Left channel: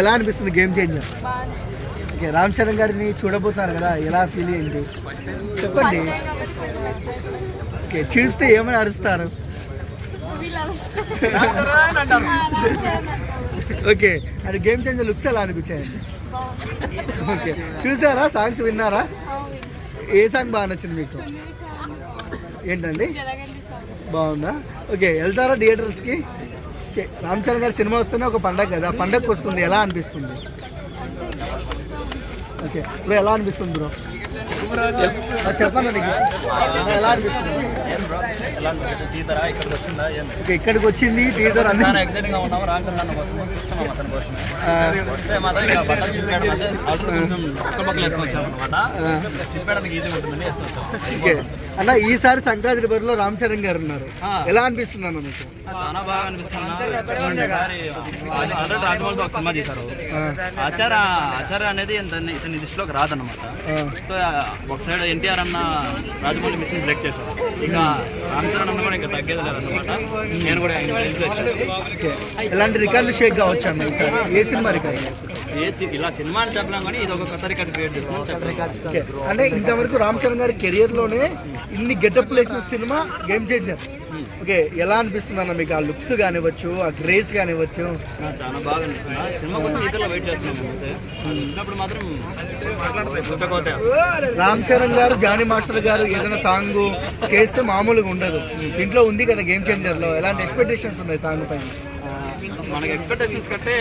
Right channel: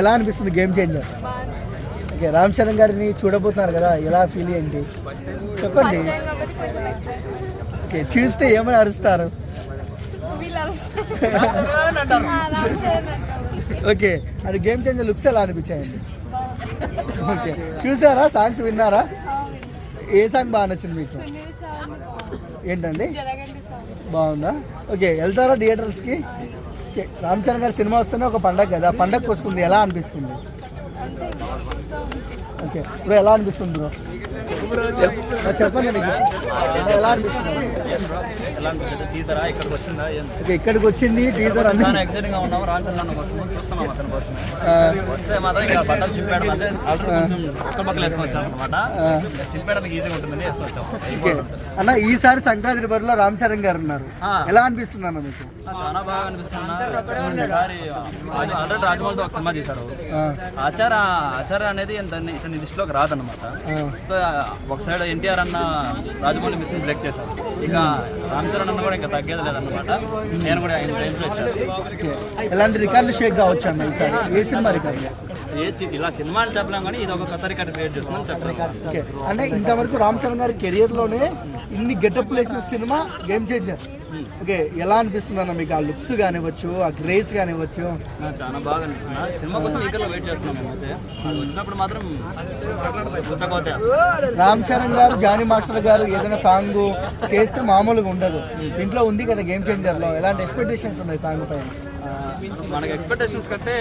ఎలా అనిపిస్తుంది game changer? Okay, Ram Charan గారిని చూడబోతున్నారు కదా, ఎలా ఫీల్ అయింది చెప్పండి. ఓకే, చూస్తే ఏమని అరుస్తారు? ఓకే, అది గేమ్ చేంజర్ లుక్స్ ఎలా అనిపించాయండి? ఓకే, చూసారా? సాంగ్స్ విన్నారా? ఏ సాంగ్ బాగా నచ్చింది మీకు? ఏంటండి బాగుందా? ఓకే, వెళ్తారా థియేటర్స్కి? ఓకే, రామ్ చరణ్ గారి సినిమా వస్తేనే ఒక పండగ కదా, పండగకి వస్తుంది, ఎలా అనిపిస్తుంది? ఓకే, ఇప్పుడు ఎలా అనిపిస్తుంది బ్రో? చెప్పండి, ఎలా అనిపిస్తుంది? ఓకే, ఇక్కడికి వచ్చింది టీజర్ అన్ని అన్న. ఈసారి సంక్రాంతి బరిలో రామ్ చరణ్ గారు ఉన్నారు, ఎలా అనిపిస్తుంది అన్న మీకు? చాలా బాగా అనిపిస్తుంది. ఆల్రెడీ రాజమౌళితో ఒక సినిమా తీశారు, ఆచార అనేది ఇతని లిస్టులోకి రాదన్నమాట. సో ఒక సైడ్ ఎన్టీఆర్ అన్న రాజమౌళి మిత్రుని బ్రేక్ చేశారు, ఇక రామ్ చరణ్ అన్న కూడా ఇంకా తగ్గేది లేదన్నమాట. నేను కూడా ఎలాంటి రికార్డులు షేక్ కావచ్చు అన్న ఈసారి? ఏ సినిమా రికార్డు? ఇలా సినిమా అని చెప్పలేం కానీ ఇది ఒక కొత్త రికార్డు క్రియేట్ చేస్తున్నాను చెప్పలేదు. అంటే ఇంతవరకు రామ్ చరణ్ గారి కెరియర్ లోనే ఇన్ని గెటప్ వేసిన సినిమా గేమ్ చేంజర్. ఓకే, ఎలా అనిపిస్తుంది అన్న మీకు? ఆ లుక్స్ కానివ్వచ్చు, ఆ గ్రేస్ కానివ్వచ్చు. నాకు చాలా బాగా అనిపిస్తుంది. సినిమా కోసం ఈగర్లో వెయిట్ చేస్తున్నాం. అయితే వచ్చినప్పుడు మాత్రం రామ్ చరణ్ గారు, జానీ మాస్టర్ గారు ఏదైనా సాంగ్ చేస్తే మామూలుగా ఉండదు. ఇంట్లో ఉంది కదా గేమ్ చేంజర్ లో, ఎలాంటి ఎక్స్పెక్టేషన్స్ ఉన్నాయి సాంగ్ పైన? మనకి ఎక్స్పెక్టేషన్స్ కంటే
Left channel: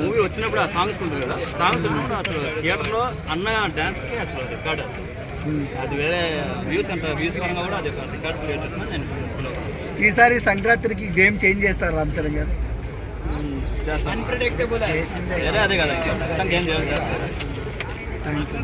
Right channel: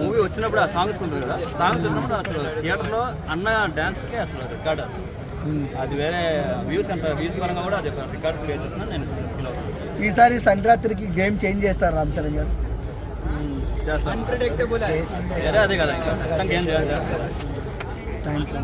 మూవీ వచ్చినప్పుడు ఆ సాంగ్స్ ఉంటుంది కదా, సాంగ్స్ ఉన్నప్పుడు అసలు థియేటర్లో అన్న డ్యాన్స్కి అసలు రికార్డ్, అసలు అది వేరే వ్యూస్ అంత వ్యూస్ పరంగా కూడా అది రికార్డ్ క్రియేట్ చేస్తున్నాను నేను. ఈసారి సంక్రాంతికి గేమ్ చేంజ్ చేస్తారు రామ్ చరణ్ గారు? చేస్తాను, అదే కదా గేమ్ చేయాలి. థ్యాంక్స్.